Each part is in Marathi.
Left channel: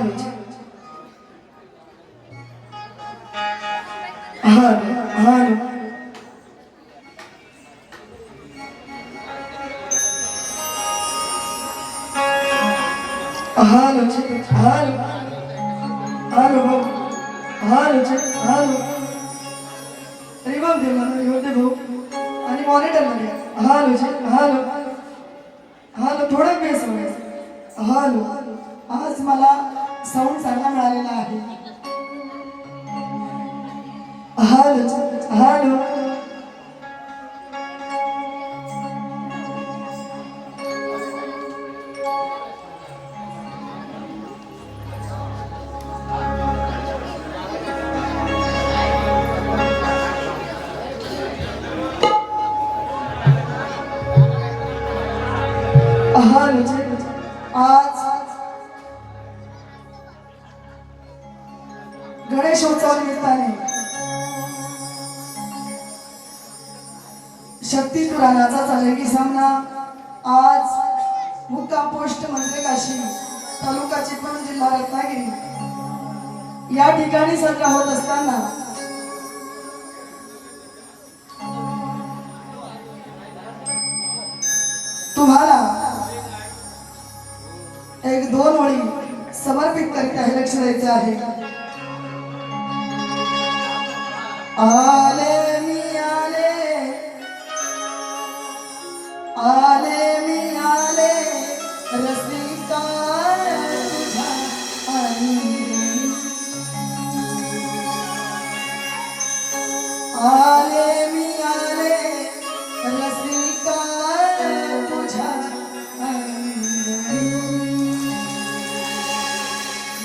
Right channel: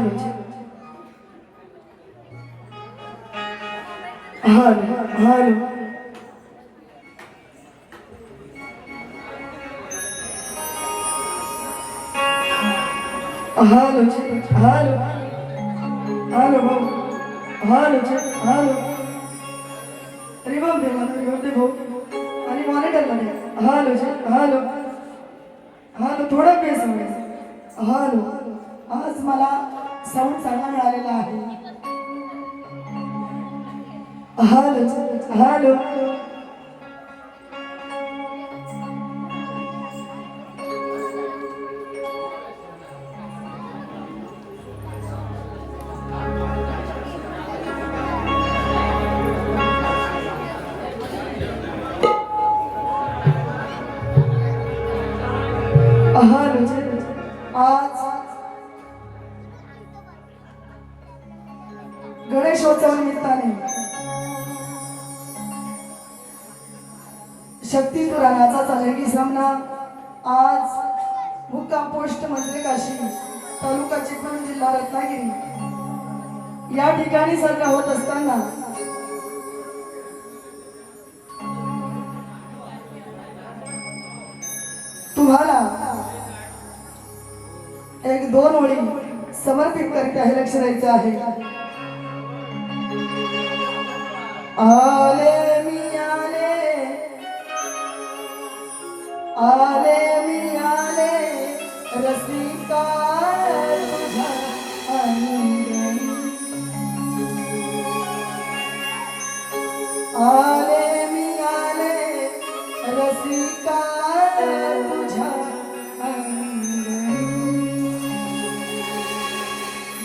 Hello hello hello hello hello hello hello hello ribbon दे भाऊ आणि मॉनिटरला दे हालो हालो हालो थोडा बेस हालो आज मला साऊंड चांगला मिळालेला आहे हालो हालो आज गणेशोत्सव निमित्ताने शक्ती पुराणाचा चालकी सामना आज मुक्काम पोस्ट मंत्री काशी तालुका चिपळूण जिल्हा रत्नागिरी या ठिकाणी सज्ज होत असताना तुम्हाला एक दोन ओळी समर्पित करीत आहे लक्ष द्यायचं आहे आले मी आले आले मी आले रसिका तुझ्या अंगणी आले मी आले रसिका तुझ्या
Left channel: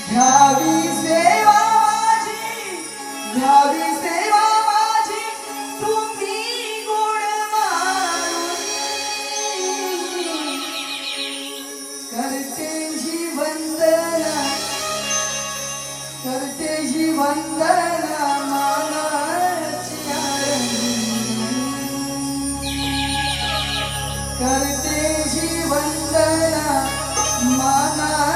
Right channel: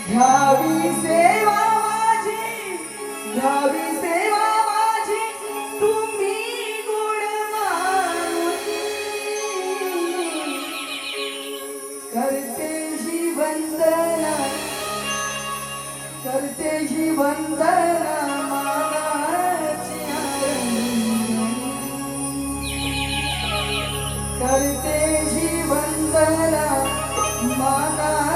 घ्यावी सेवा माझी तुम्ही गुण मानुनी करते ही वंदना मानाची करते ही वंदना मानाची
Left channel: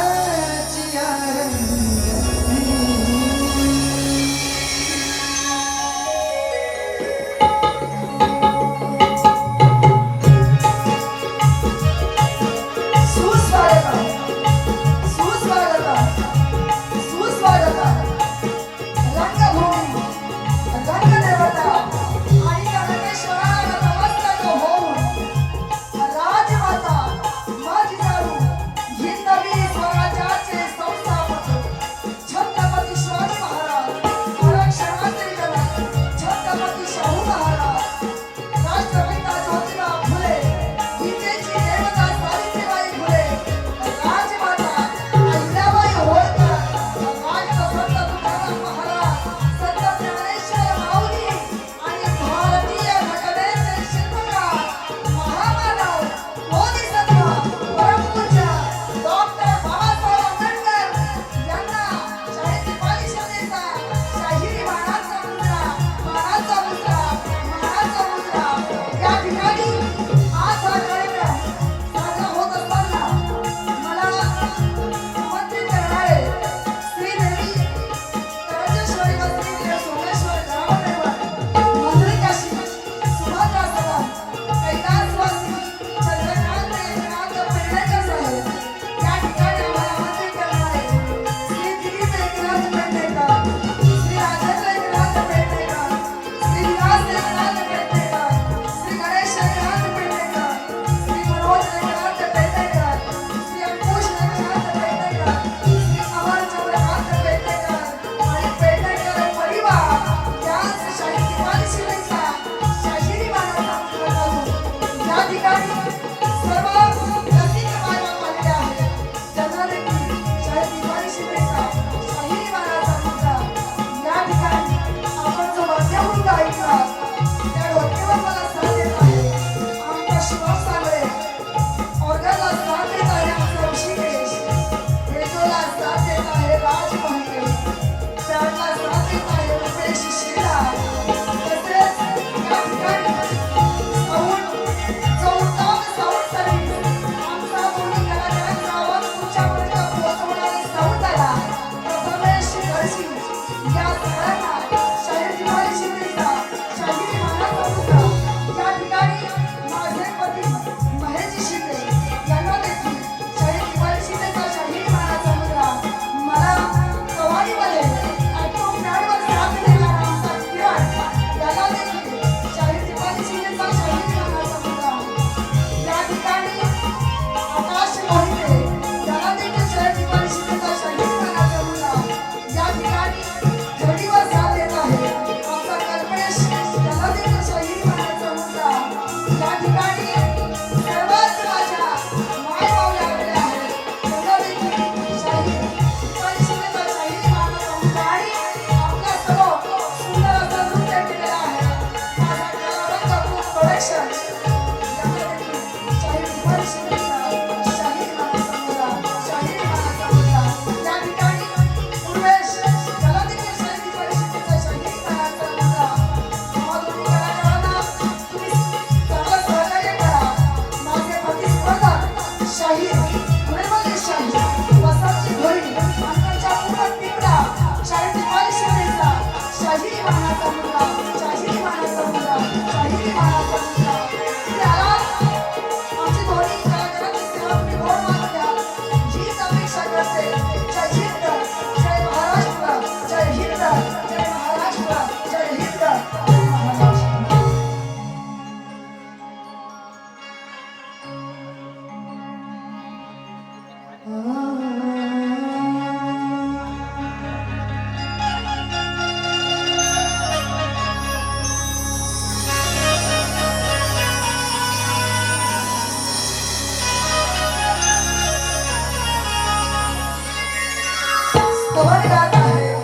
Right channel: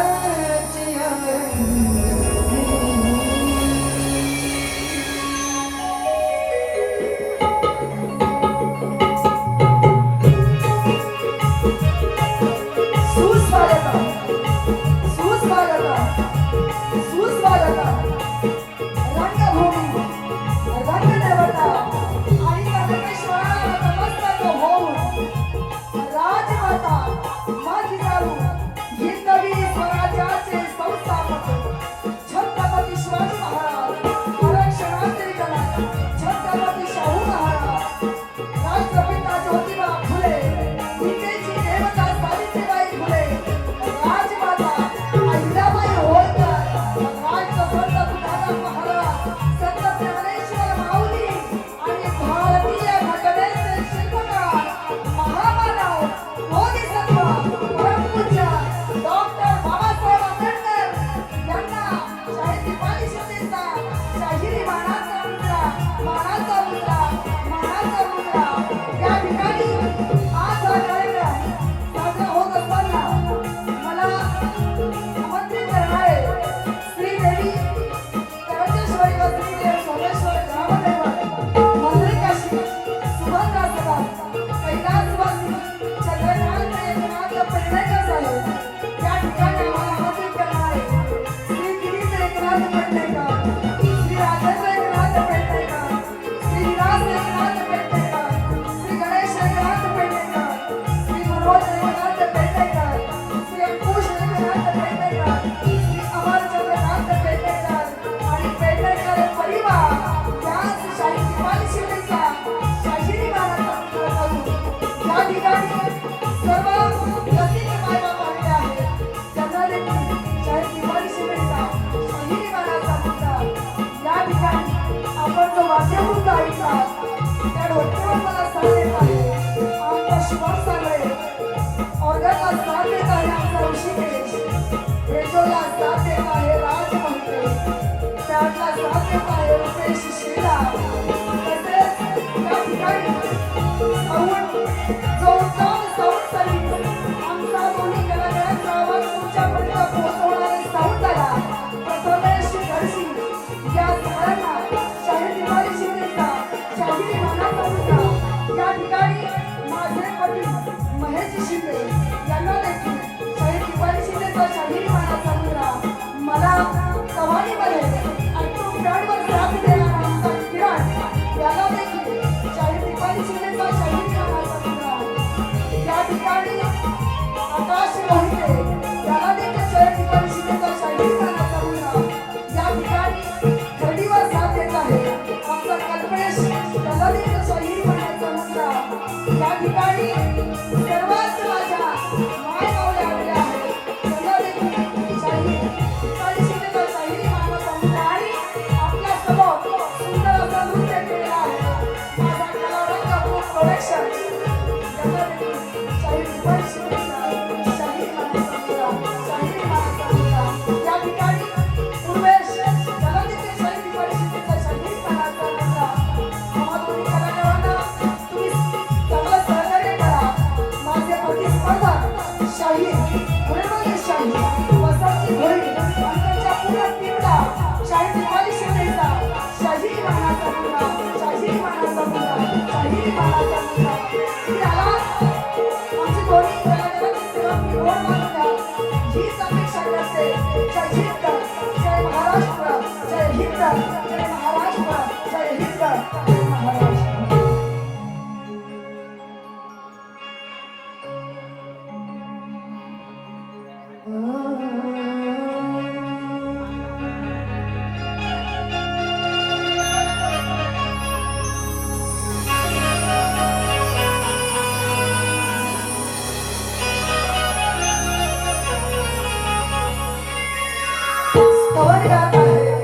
गात आहे,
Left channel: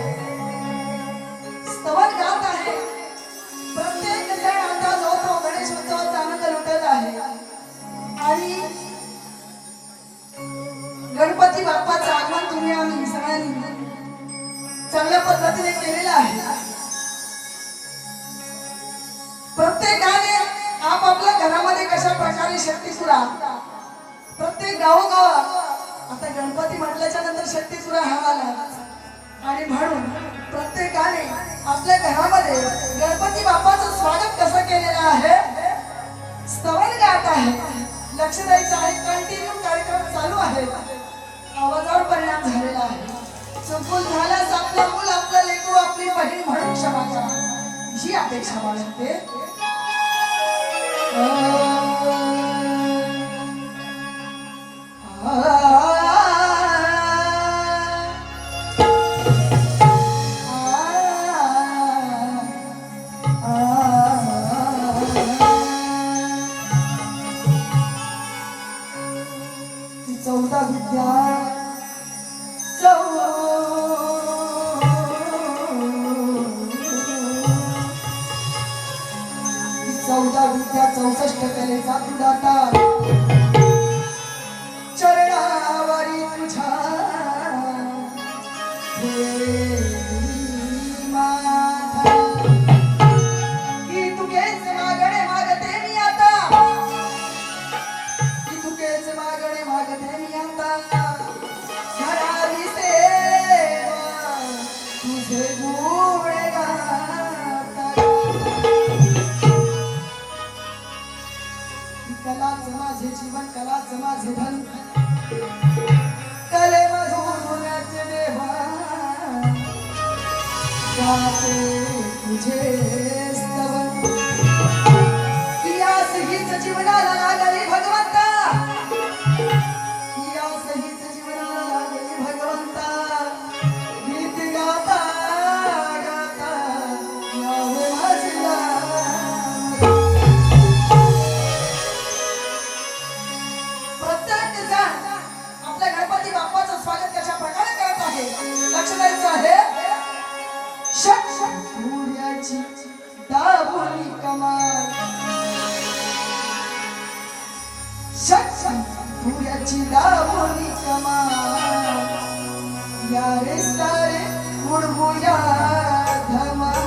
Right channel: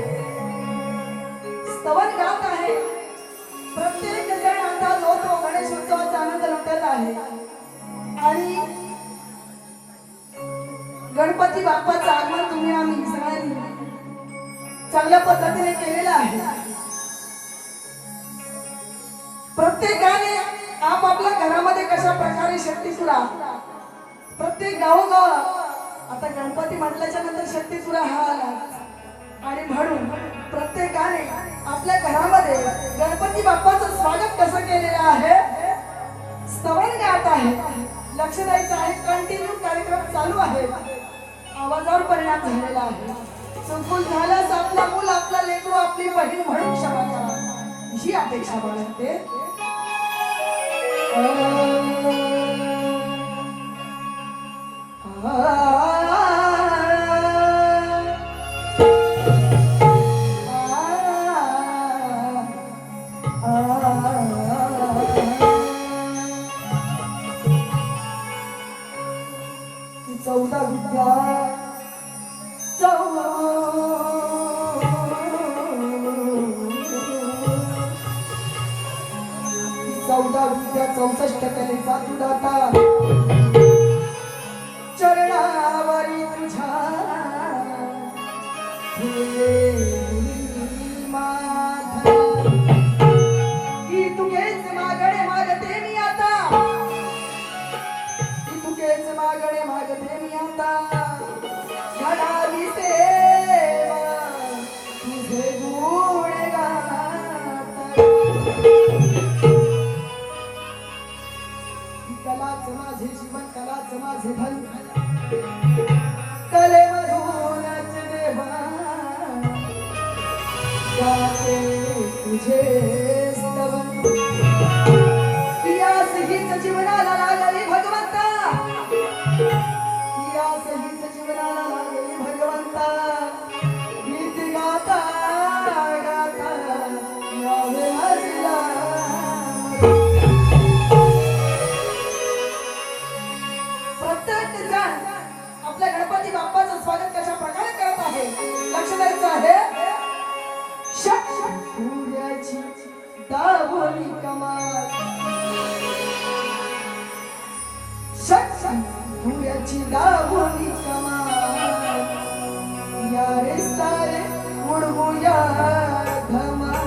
स्तवन गात आहे. प्रत्येक जण आता जो तो गणेश उत्सवाचा आनंद लुटत आहे आणि गणपती बाप्पाचं आगमन तुम्ही आम्ही सगळ्यांनी चांगल्या पद्धतीने केलेलं आहे. प्रत्येकाने आपापल्या घरामध्ये कशा प्रकारे शक्तीसुरा, प्रत्येक गावोगाव आता गणपती म्हटल्याच्या नंतर शक्तीसुरा हा आला आणि म्हणून प्रत्येकाने आपल्या घरामध्ये गणपती बाप्पाचं स्वागत कसं केलेलं आहे, स्तवन गात आहे. लक्ष द्यायचं आहे, कंटिन्यू कार्यक्रम चालू आहे. आवाजावर परिणाम झालेला आहे. चुकून झाल्यास आपलं मूल, आपलं लेकरू, आपली बहीण म्हणून क्षमा करा ही अपेक्षा बाळगते. चौदा विद्या चौदा विद्या 64 कलेचा तुडाटा चरणावारी तुझ्या ही तुझेच मागणे मागते मी आता, ही तुझेच मागणे मागते मी आता. घडावी सेवा तुझे गुण गाता. कलाच माझे जीवन, कलाच माझे धन, कले मधूनच देवा तुझे स्तवन. यास हीच जीवनाला लागली भगवंता, यास हीच जीवनाला लागली भगवंता. गीत गाता गाता यावे माझला. प्रत्येक जण आपल्या गणपती बाप्पाचं स्वागत कशा प्रकारे करत आहे लक्ष द्यायचं आहे. सूर्याची दाभोळी कमाल, सूर्याची दाभोळी कमाल. या रे सारे उडवूया धमाल.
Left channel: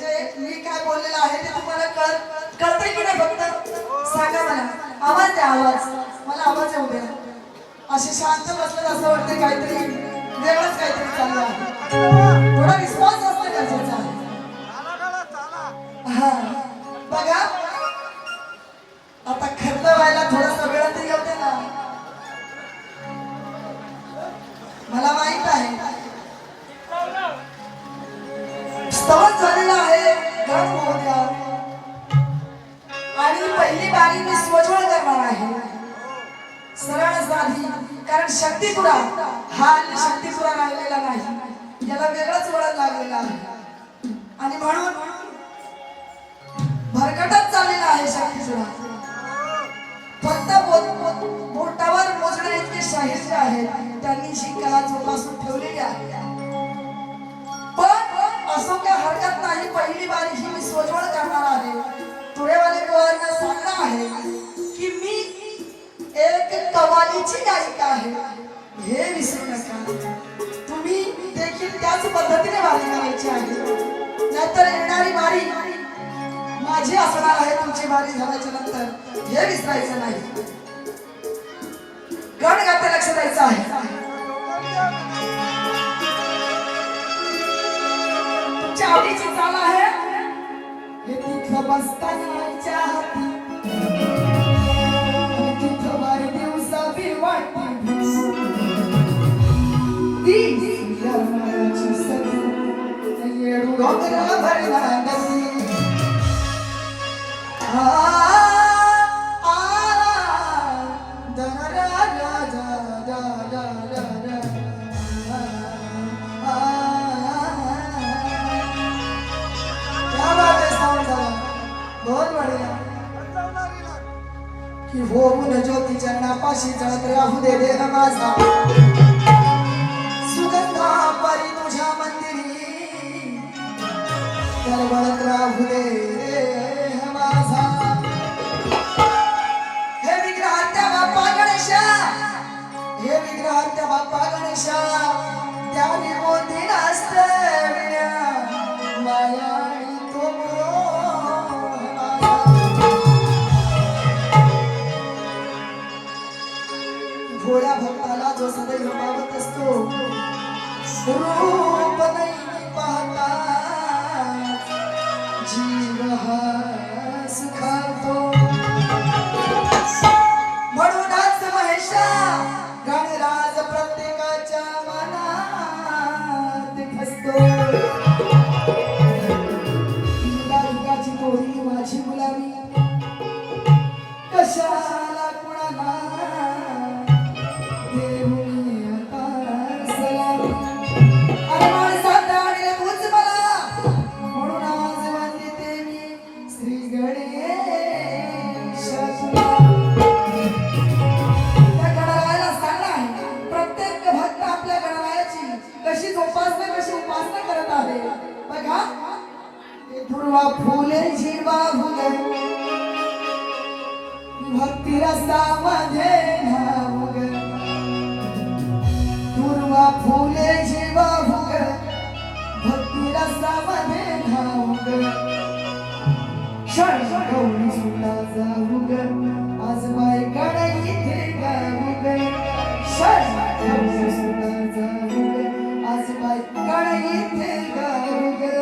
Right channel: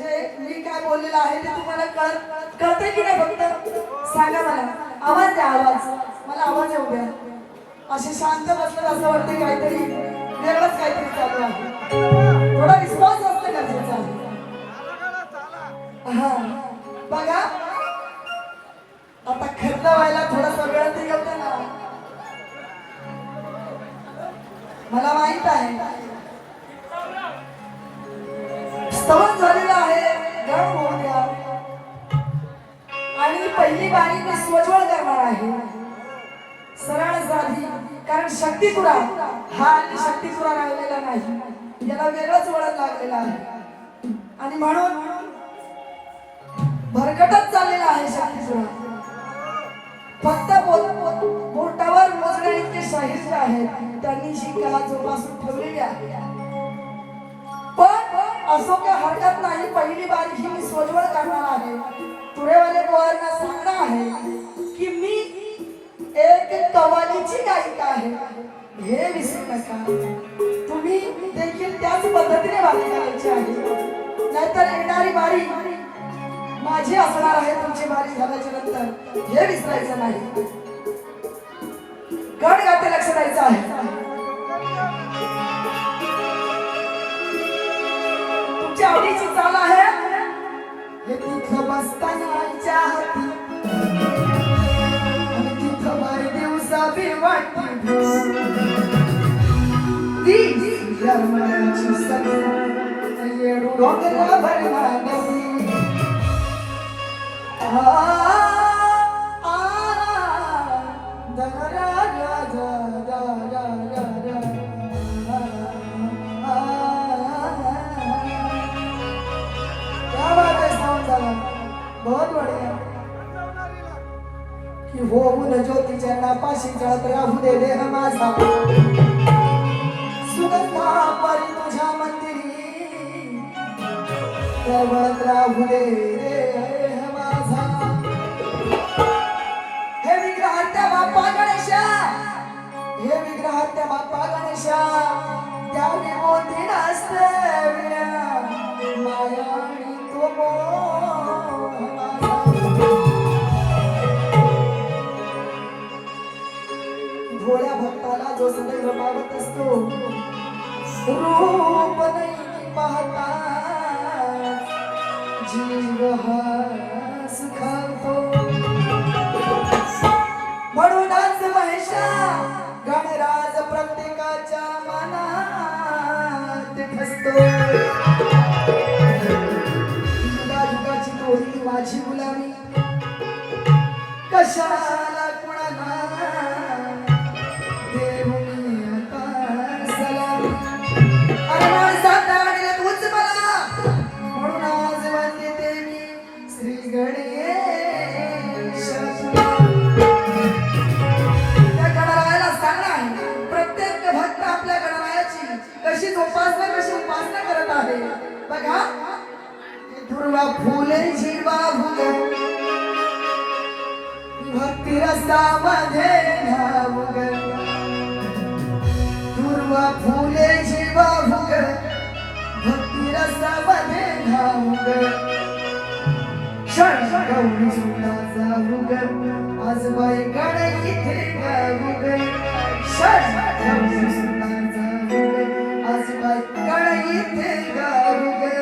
म्हणजे मी काय बोललेलं आहे ते तुम्हाला कळतंय की नाही? फक्त सांगा मला. आवाज द्या, आवाज. मला आवाज येऊ द्या. असे शांत बसले असं वाटते काहीतरी वेगळंच काहीतरी चालू आहे. थोडा रिस्पॉन्स असणं गरजेचं आहे. हा बघा, आता खर्च व्हायला थोडासा वेळ तरी होते ना. मला माहित आहे स्तवन झालेलं आहे गण महोदया, आणि पहिली बारी मी स्वज्वळ करणार आहे, सरळ साधी. कारण शक्तिपुरा हा शक्तिपुरा राहिलेला नाही, याला वेगळंच वळण लागलेलं आहे. आणि म्हणून भरकटच चाललेला आहे शक्तिपुरा. फक्त बोटावर मोजण्या इतके शाहीर आहेत, त्यांनी जी कला जोपासून ठेवलेली आहे. पण असो काय हरकत नाही, पहिली बारी ही मी स्वज्वळ करणार आहे. तुरेवाले पोरांना सांगणार आहे की मी एक कव्वालीची गायिका आहे, हे विसरू नका. तुम्ही देखील त्याच पद्धतीने बारी करायची आहे, नाहीतर येणारी बारी माझी असणार आहे. तुमची बारी झाल्याच्या नंतर हे विसरायचं नाही. गण गाते लक्ष द्यायचं आहे. तुमच्या आवडीची चाल आहे हे तिथं बसतानाच्या हाती, आणि तिथं बारी दिवसा बी वाटते ती रमणाची सगळी येडू डोंगरा भरला नदी. होऊन ज्योती चरणापाशी जळत राहू दे देह माझा, सुगंधा परी तुझ्या मंदिरी जळत राहू दे देह माझा. हे विग्रह त्या बाप्पा गणेशा, हे विग्रह त्या बाप्पा गणेशा, त्याने मोती नसते माया आणि तो भोळ्या भक्ताला जो सदैव पावत असतो, रूप नाही पाहता जीव हा सुखावतो. म्हणूनच महेशा गणराज प्रत्येकाच्या मनात असतो. युगायुगाची दोरी माझी मुलावी, कशाला कुणाला फुले जीवा भुगे भक्ती रसामध्ये न्हावगे, पूर्वा फुले जीवा भुगे भक्ती रसामध्ये न्हावगे. क्षण गौरी सुद्धा जाऊगे आज बाई गण इथे गाऊगे. क्षण गौरी सुद्धा जाऊगे आज बाई गण इथे गाऊगे.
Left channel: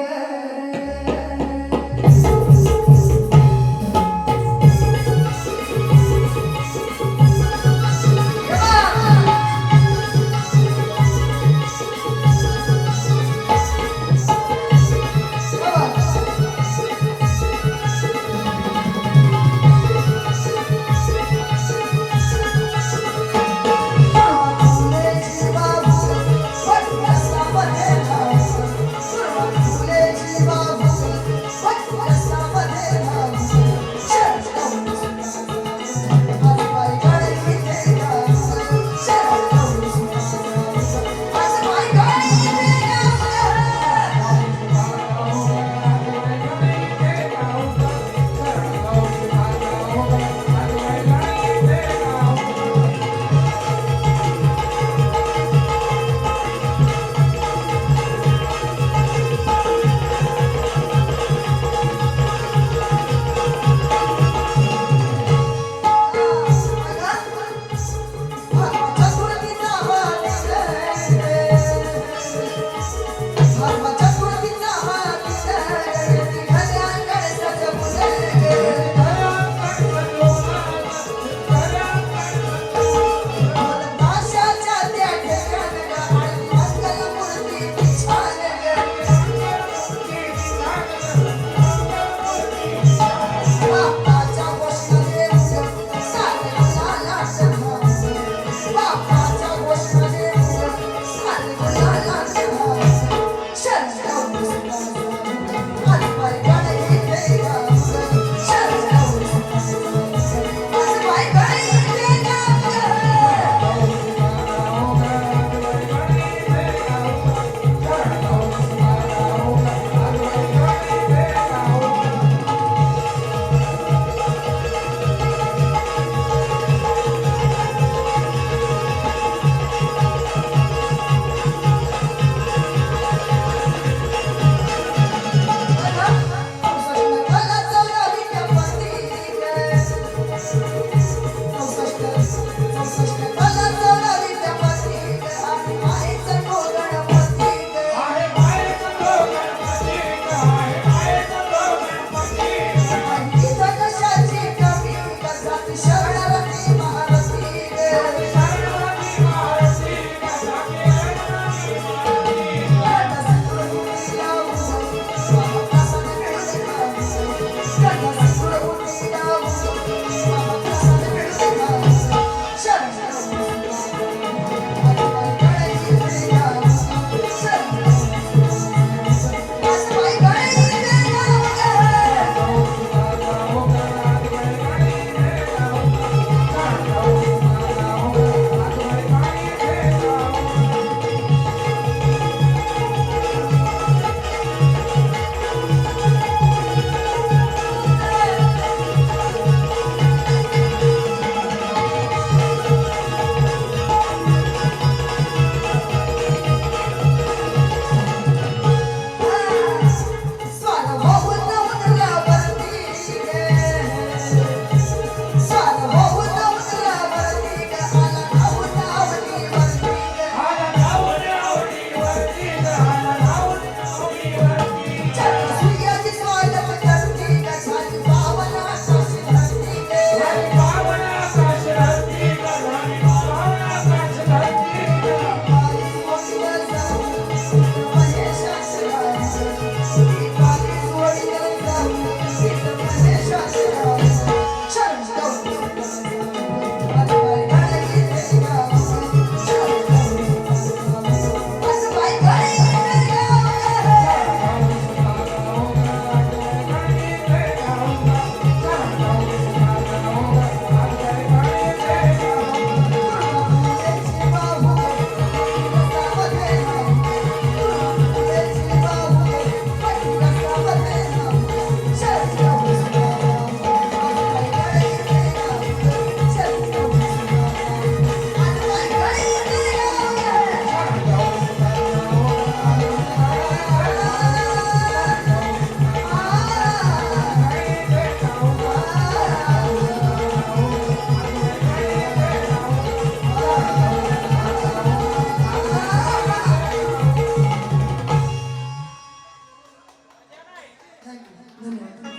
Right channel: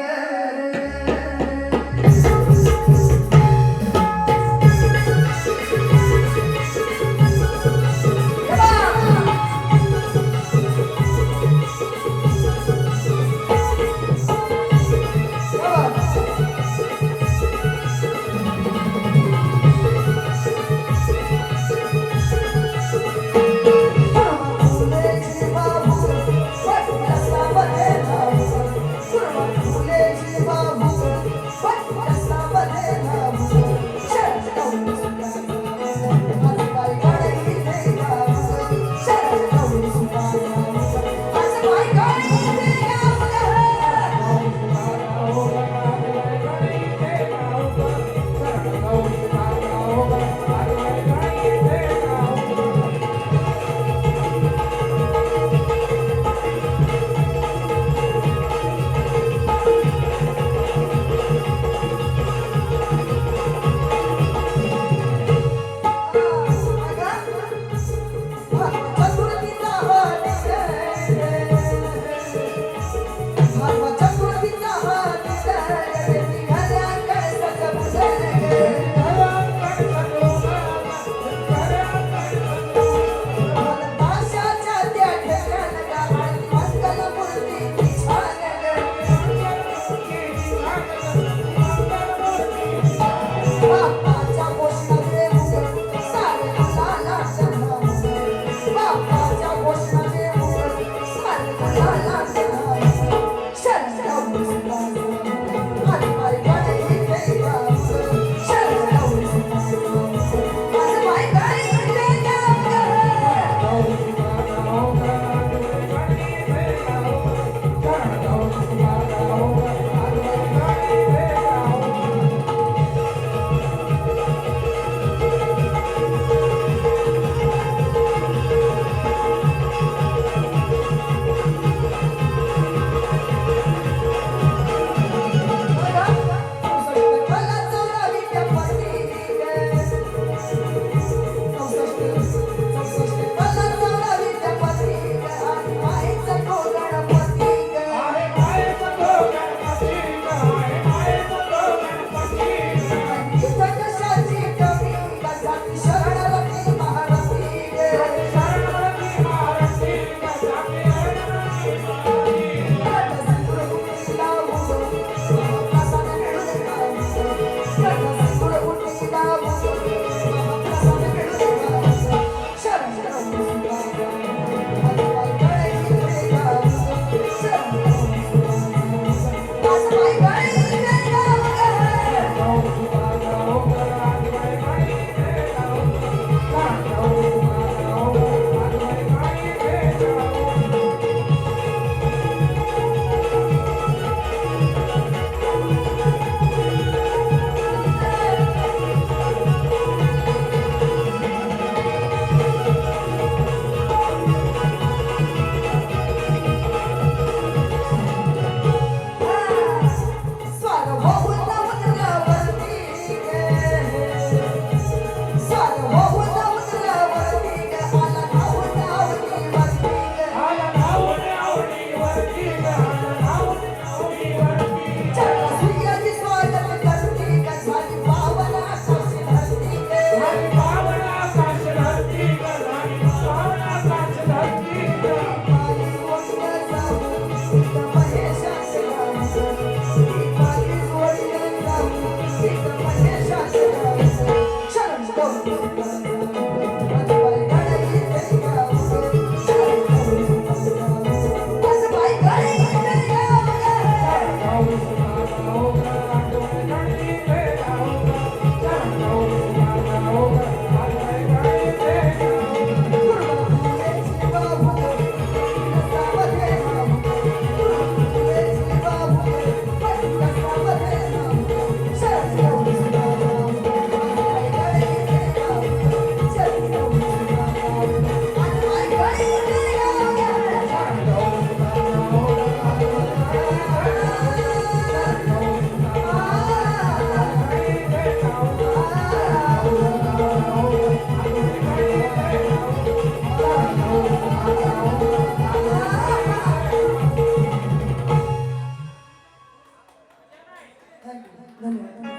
धन्यवाद.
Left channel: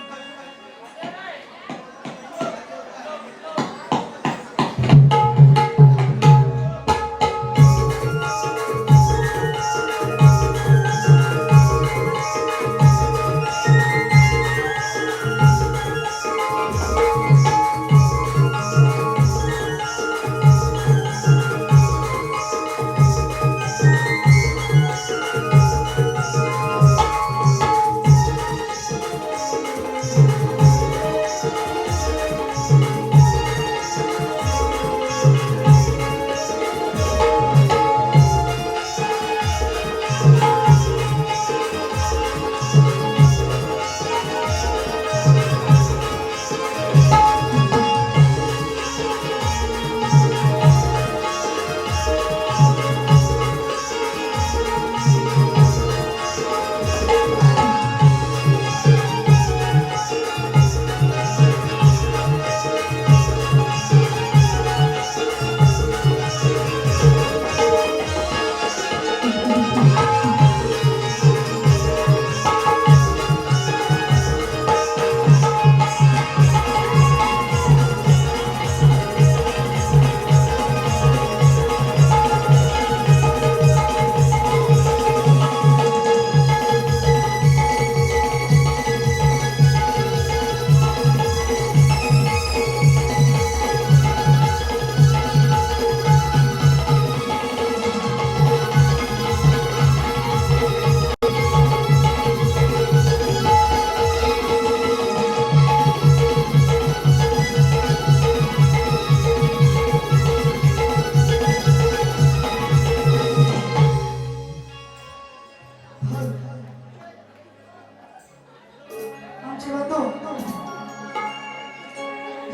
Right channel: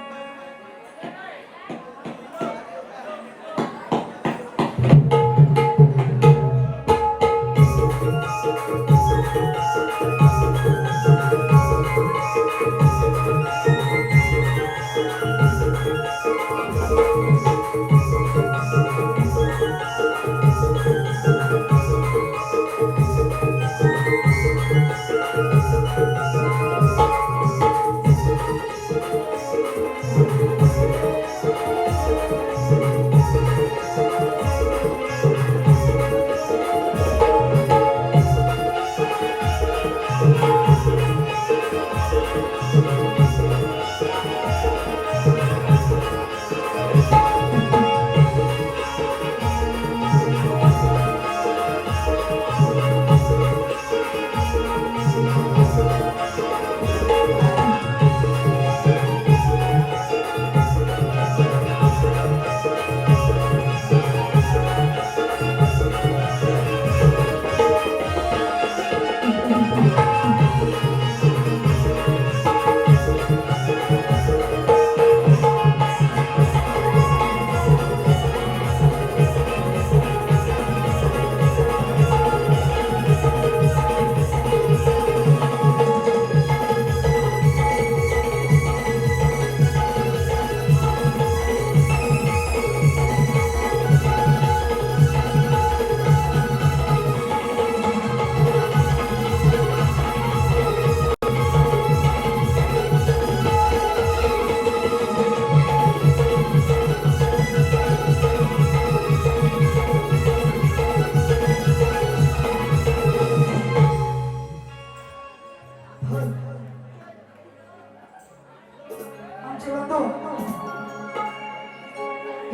आमचे बंधू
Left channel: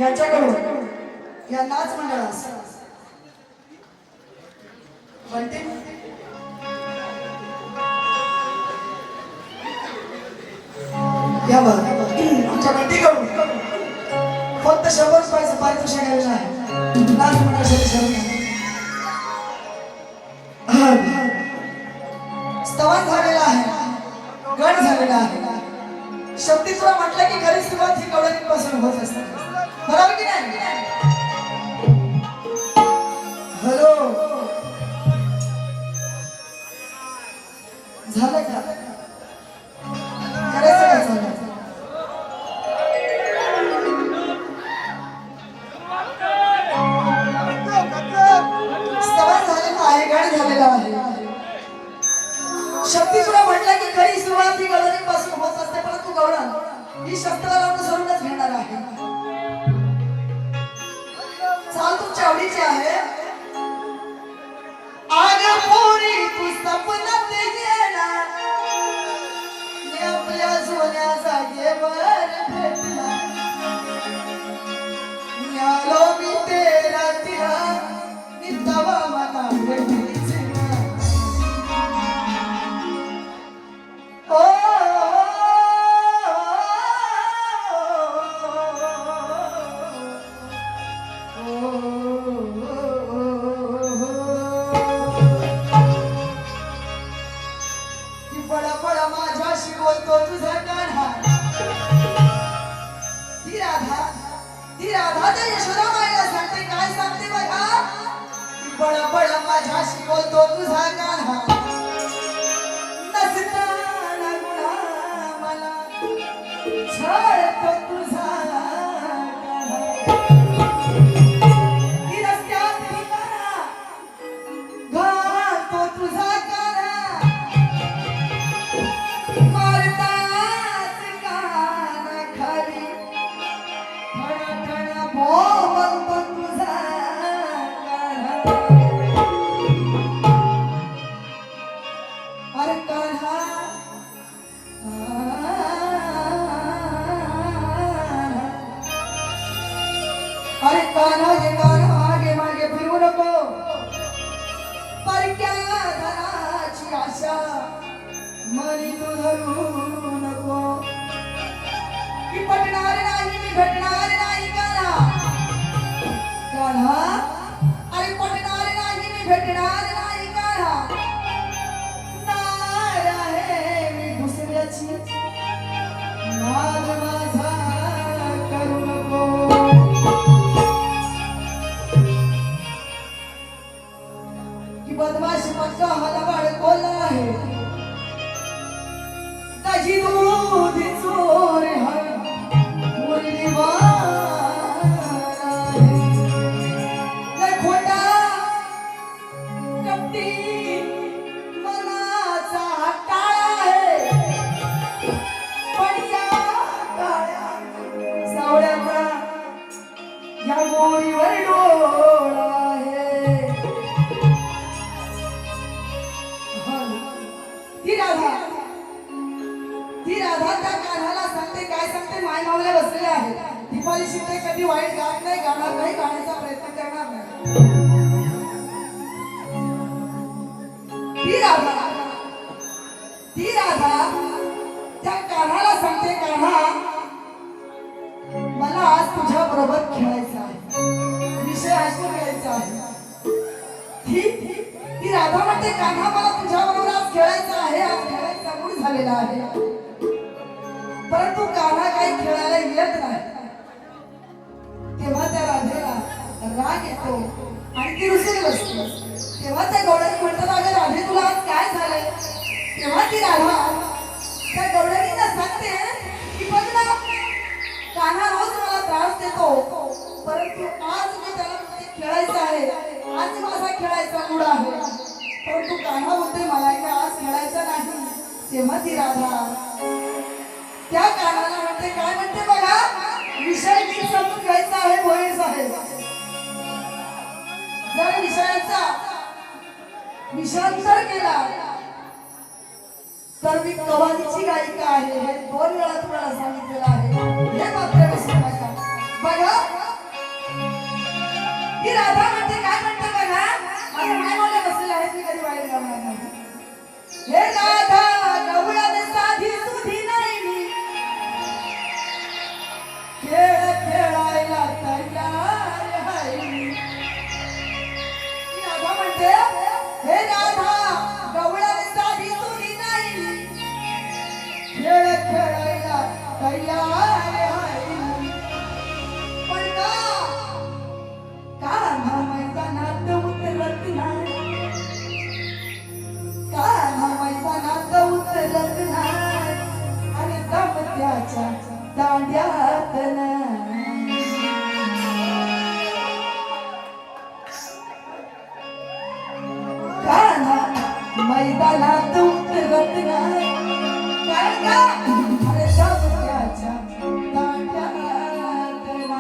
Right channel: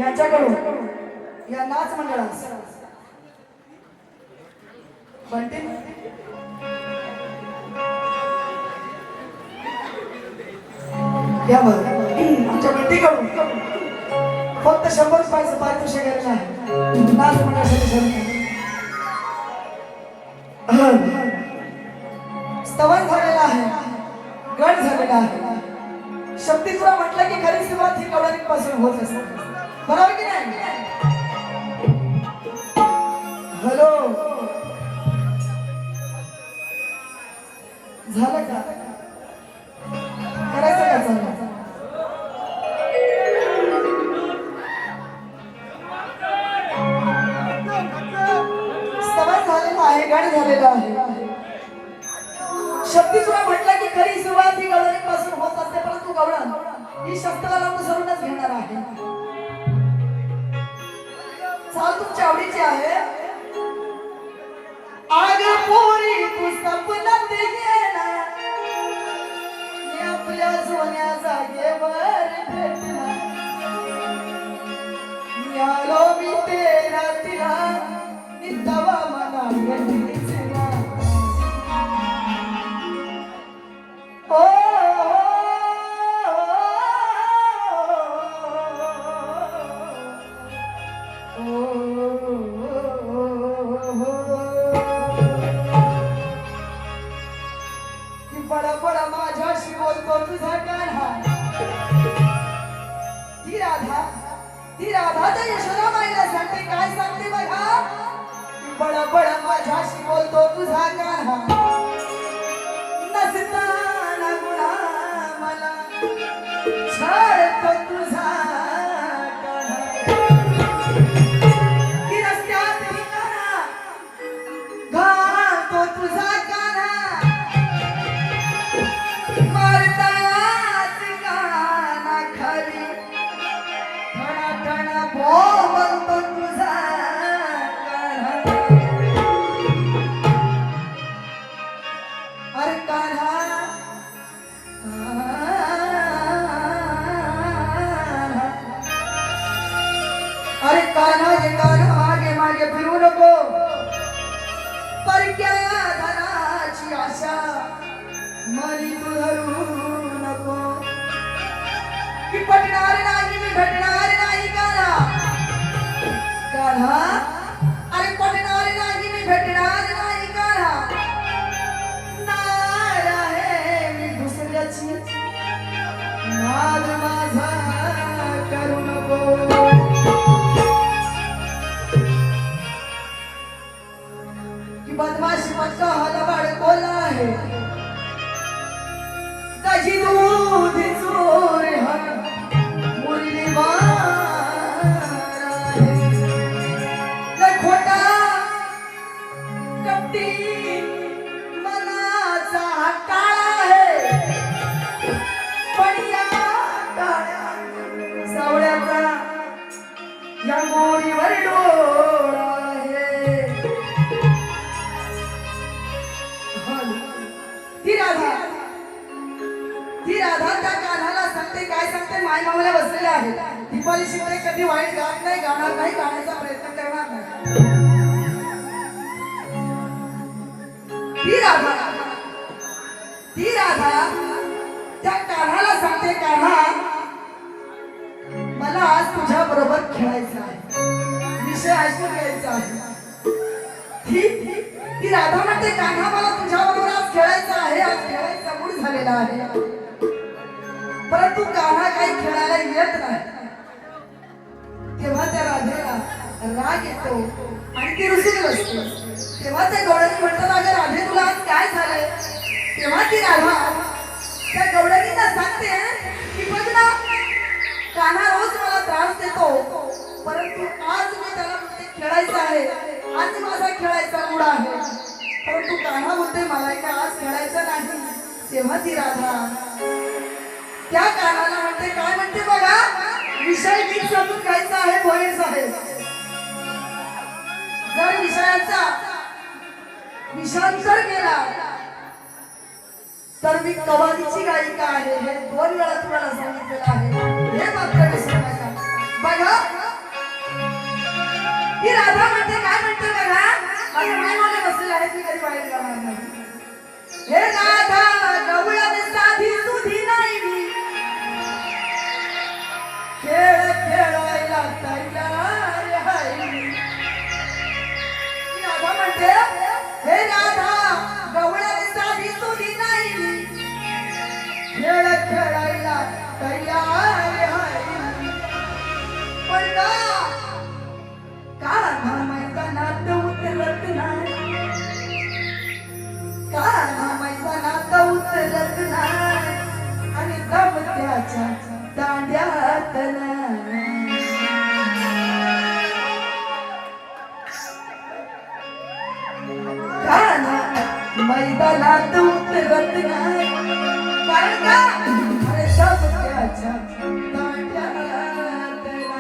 याच्याकडून या नाच मंडळास बनते यावर आमच्या बंटीकडून फक्त 100 रुपयाचं पारितोषिक द्यायचं आहे. नाच मंडळासाठी स्तवन झालेला आहे, गड झालेला आहे. शक्तीस्वरूप म्हटलं की खरी सुरुवात ही कवळीपासून होत असते, बरोबर की नाही? हॅलो, झालं का? करायचं का चाललं? स्तवन झालेला आहे, गड झालेला आहे. शक्तीस्वरूप म्हटलं की खरी सुरुवात ही कवळीपासून होत असते, परंतु गवळण ही शस्त्राला अनुसरूनच घेणार आहे. चाल तुमच्या आवडीची आहे. आगा पोरी तू सपनात गेला, मी आपल्या सोन्या जागेवर भेटला, मी आलो मी तेरा तिला, मी तवा मला भेटलीच ना. बडा बडा माझ्याशी बोलतो तुझा गाढा, ती राधा त्या यशोदा माईला सांगते, काय सांगते बघा. बडा बडा माझ्याशी बोलतो तुझा गाढा, नसताना गुणा मला छळतो तुझा गाढा. की रस्त्यात ठिकाणा घालतो तुझा गाढा, मारताच काना खाली ठणा ठणा बोलतो तुझा गाढा. अरे काढा अरे कान्हा ये कान्हा मागे मागे फिरू नको, परक्या धनाची आशा मनी तू धरू नको. की पटणार नाही मी भेटणार नाही कान्हा, कान्हा अरे पटणार नाही मी भेटणार नाही कान्हा. नाळ आहे मी दुसऱ्याची, मायमावल्या बसलेल्या आहेत. दीपाली शिंदे कधी वाईट गात नाही, गाणार नाही, गाण्याचा प्रयत्न करणार नाही. ती राधा त्या कान्हाला सांगते, कान्हा मला आज तुझ्या बरोबर खेळायचं आहे, विषय ऐकून घ्यायचा आहे. ती राधा म्हणते, कान्हा मला तुझ्या बरोबर आज खेळायचं आहे, आज खेळायचा मूड झालेला आहे. परंतु कान्हा काही खेळायला येत नाही. तेव्हा त्या राधेला राग येतो आणि ती रुसून बसते. तेव्हा त्या गवळणी म्हणतात, अगं राधे तुला आज काय झालंय? तेव्हा ती राधा त्या गवळणीला सांगते की बघ ना, कान्हा रोज मला त्रास देतो, परंतु आज मी त्याला म्हणते खेळायचं आहे, आज माझा खेळायचा मूड आहे. परंतु कान्हा म्हणते मला आज खेळायचं नाही. तेव्हा ती राधा त्या कानाला म्हणते, काय म्हणते बघा, विषय नीट समजून घ्यायचा आहे भोईर साहेब. जर विषयाचा विषांतर केला तर मी कवालीची गायिका आहे, हे 2 वेळा तुम्हाला सांगितलेलं आहे, हे मात्र विसरू नका. बघा ही राधा म्हणते, काय म्हणते बघा, माझ्या मायमाला बसलेले आहेत, मी कधी वाईट गाणार नाही. हे राधा गवळण साधी सुधी नाही मी, खेळ खेळायला तयार आहे. राधा म्हणते, हे राधा गवळण साधी सुधी नाही मी, खेळ खेळायला तयार आहे. पण कान्हा मैदानात उतरत नाही, कान्हा मैदानात उतरत नाही आणि दमत्याच्या दांड्यात नाही. कान्हा मैदानात उतरत नाही, कारण अरे दमत्याच्या दांड्यात नाही.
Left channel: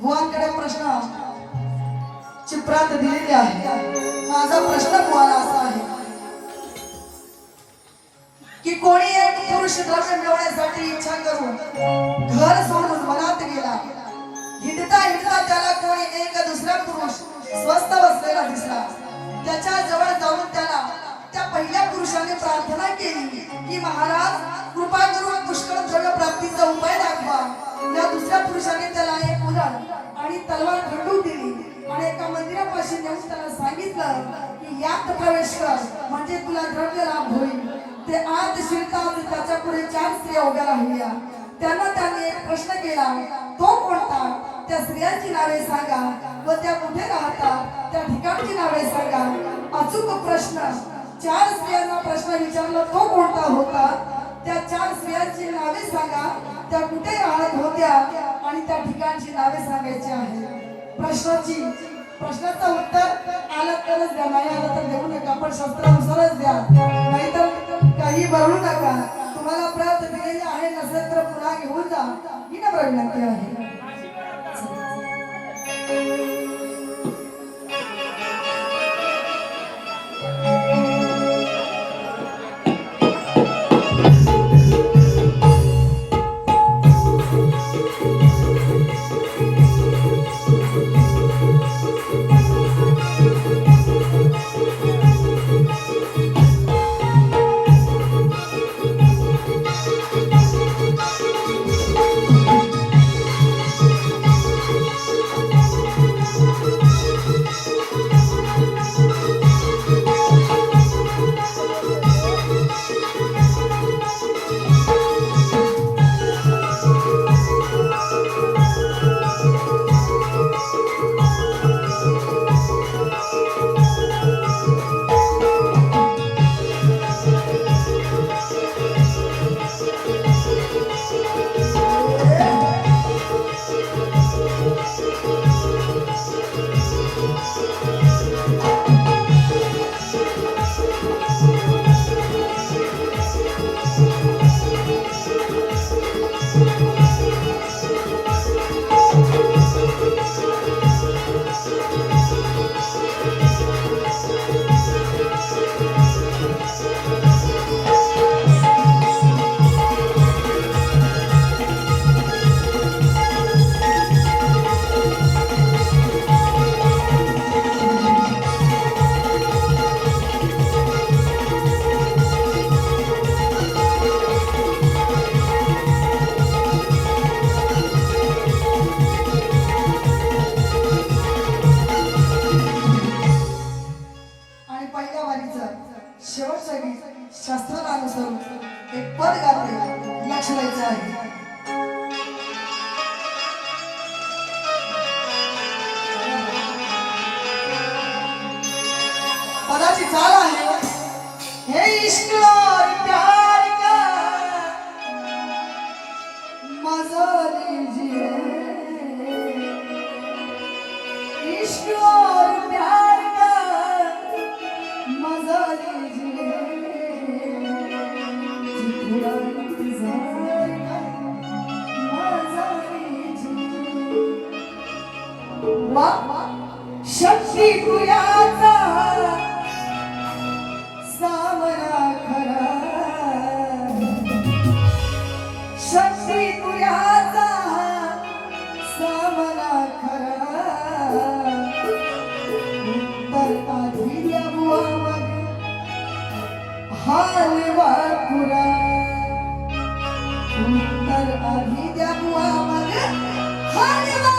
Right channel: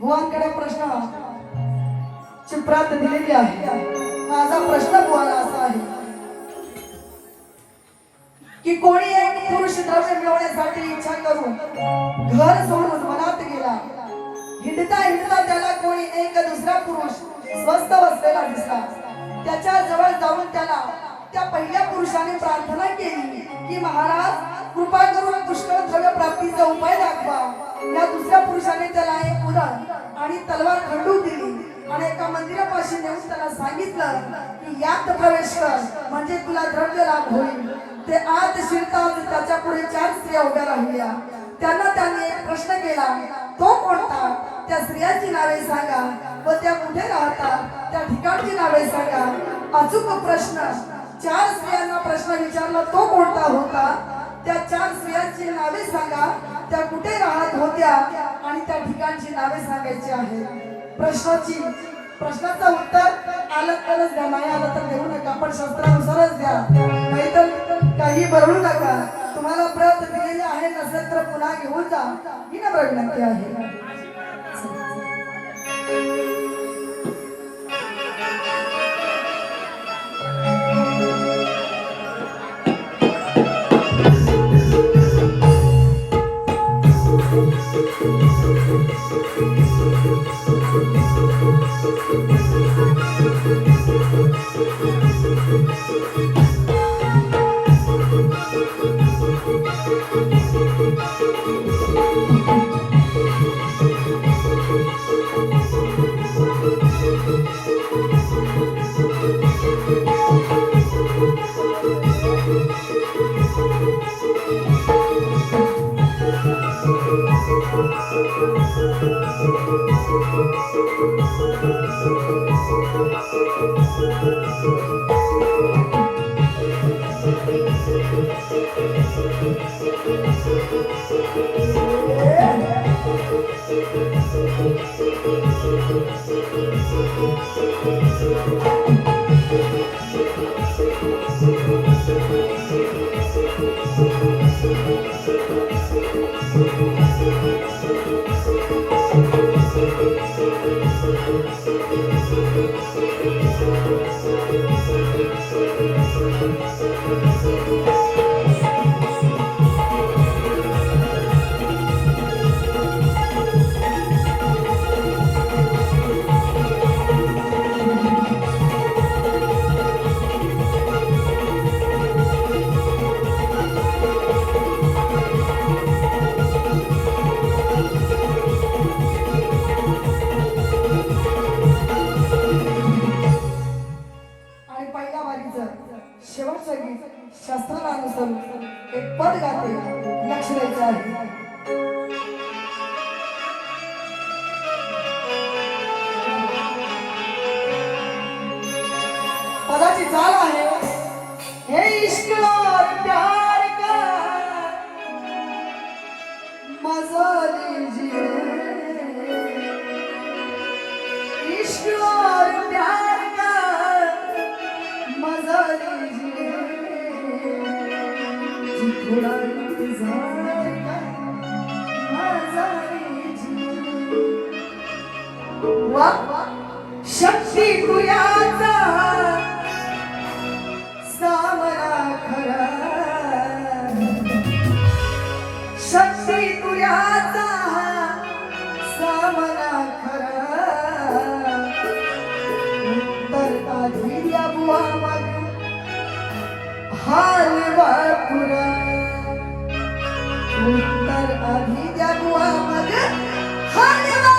बुवांकडे प्रश्न चित्रात दिलेली आहे. माझा प्रश्न बुवाला असा आहे की कोणी एक पुरुष द्रव्य मिळवण्यासाठी इच्छा करून घर सोडून मनात गेला. हिंडता हिंडता त्याला कोणी एक दुसरा पुरुष स्वस्थ बसलेला दिसला. त्याच्या जवळ जाऊन त्याला त्या पहिल्या पुरुषाने प्रार्थना केली की महाराज कृपा करून पुष्कळ द्रव्य प्राप्तीचा उपाय दाखवा. या दुसऱ्या पुरुषाने त्याला एक उरण आणि तलवार खंडून दिली आणि एका मंदिरापाशी नेऊन त्याला सांगितलं की यात प्रवेश कर म्हणजे तुला द्रव्य लाभ होईल. ते आत शिरताच त्याच्या पुढे 4 स्त्रिया उभ्या राहिल्या. त्यांना त्याने एक प्रश्न केला, तो कोणता? त्या स्त्रियांची नावे सांगा व त्या कुठे राहतात त्या ठिकाणची नावे सांगा. अचूक प्रश्न. 4 स्त्रियांना प्रश्न विचारला, तो कोणता होता? त्या 4 स्त्रियांची नावे सांगा, त्या कुठे राहत होत्या आणि त्या ठिकाणची नावे सांगायची आहे. प्रश्नाचं उत्तर आलं तरच द्या, नाही आलं तर देऊ नका, पण शस्त्रानुसारच द्या, नाहीतर काही बरळू नका. तुम्हाला प्रत दिलेली आहे, नसेल तर पुन्हा घेऊन जा ही नम्र विनंती आहे. शेवटचं गीत शास्त्राला अनुसरून एक पद गाते, लक्ष द्यायचं आहे. पदाची चाल आहे, हे इश्क और प्यार का मजा लीजिए, इश्क और प्यार का मजा लीजिए, चिखलात झाला माझा वा शक्ती तुझ्याचा सामना खरा शक्ती तुझ्याचा सामना खरा उत्तर आधी बुवा मग हालवा पुरा उत्तर आधी बुवा मग हालवा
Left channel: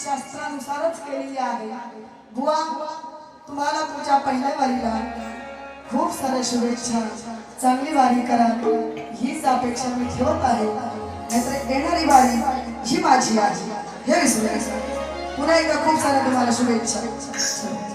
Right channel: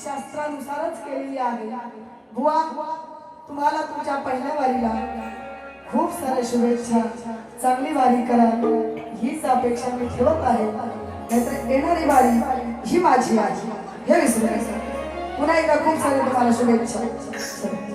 शास्त्रानुसारच केलेली आहे. बुवा तुम्हाला तुमच्या पहिल्या वारीला खूप साऱ्या शुभेच्छा. चांगली वारी करा हीच अपेक्षा मी ठेवत आहे. नाहीतर येणारी वारी ही माझी आहे हे विसरू नका. पुन्हा एकदा खूप साऱ्या तुम्हाला शुभेच्छा.